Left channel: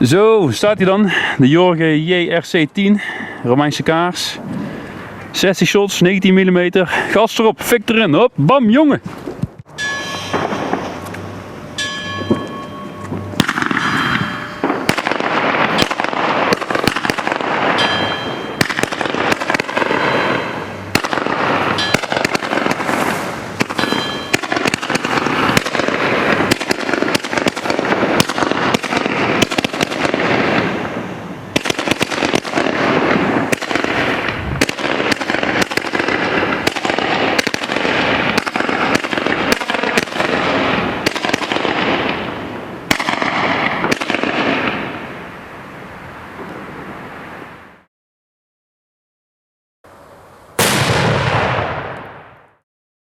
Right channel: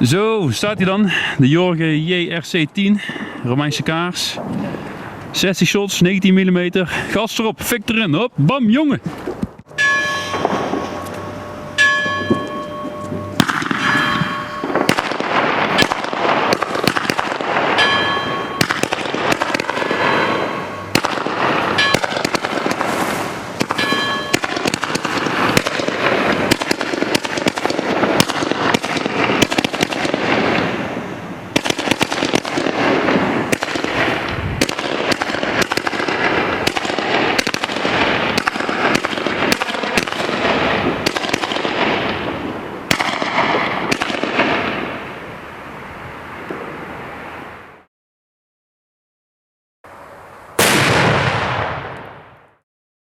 Zo staat hij dan, de Jorge JRC10, Romeinse kaars. 60 shots, 19 mm, gas erop, fik erin, hop, bam jongen!